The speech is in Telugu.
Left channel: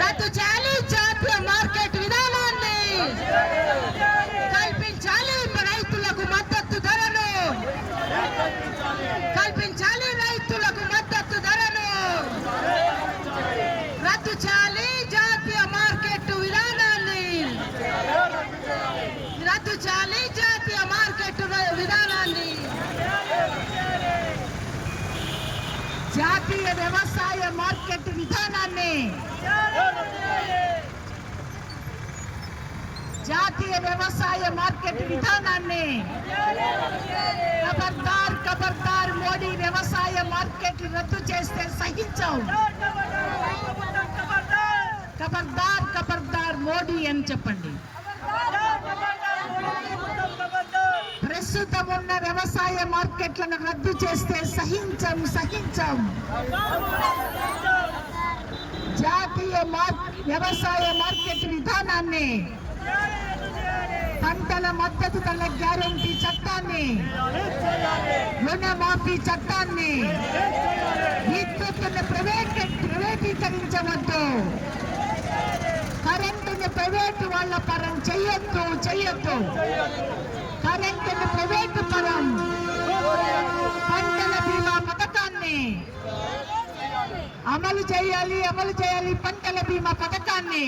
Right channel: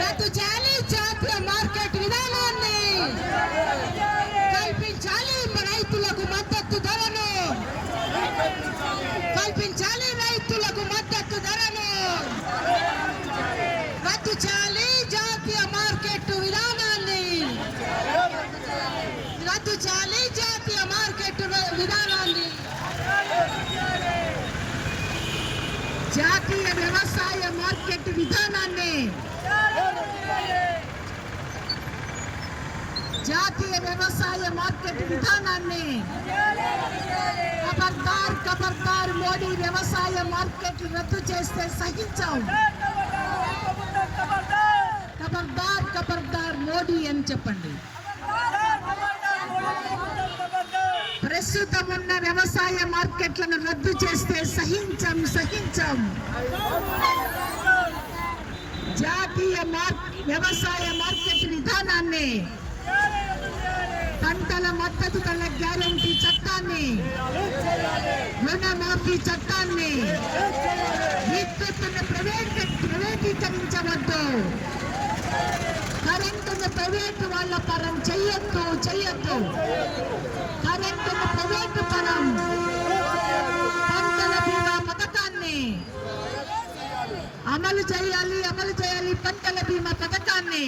రద్దు చేయాలి జాతీయ మార్కెట్ విధానాన్ని, కల్పించాలి రైతులకు మద్దతు ధరను, కల్పించాలి రైతులకు మద్దతు ధరను, రద్దు చేయాలి జాతీయ మార్కెట్ విధానాన్ని, రద్దు చేయాలి జాతీయ మార్కెట్ విధానాన్ని. జాతీయ వ్యవసాయ మార్కెట్ విధానాన్ని, జాతీయ వ్యవసాయ మార్కెట్ విధానాన్ని ఖబర్దార్ ఖబర్దార్ మోడీ వ్యవసాయ మార్కెట్ రద్దు చేస్తే సహించాం. ఖబర్దార్ ఖబర్దార్ మోడీ అని చెప్పండి. ప్రస్తుతం ఉన్న వ్యవసాయ మార్కెట్లను రద్దు చేస్తే సహించం సహించం. జాతీయ వ్యవసాయ మార్కెట్ విధానాన్ని, పంటల మద్దతు ధరల గ్యారెంటీ చట్టాన్ని, రుణమాఫీ చట్టాన్ని, విద్యుత్తును ప్రైవేటీకరించవద్దు, కరెంటును ప్రైవేటు వాళ్ళ పరం చెయ్యొద్దు, కరెంటును ప్రైవేటు పరం, పంటల బీమా పథకాన్ని అమలు చేయాలి, పంటల బీమా పథకాన్ని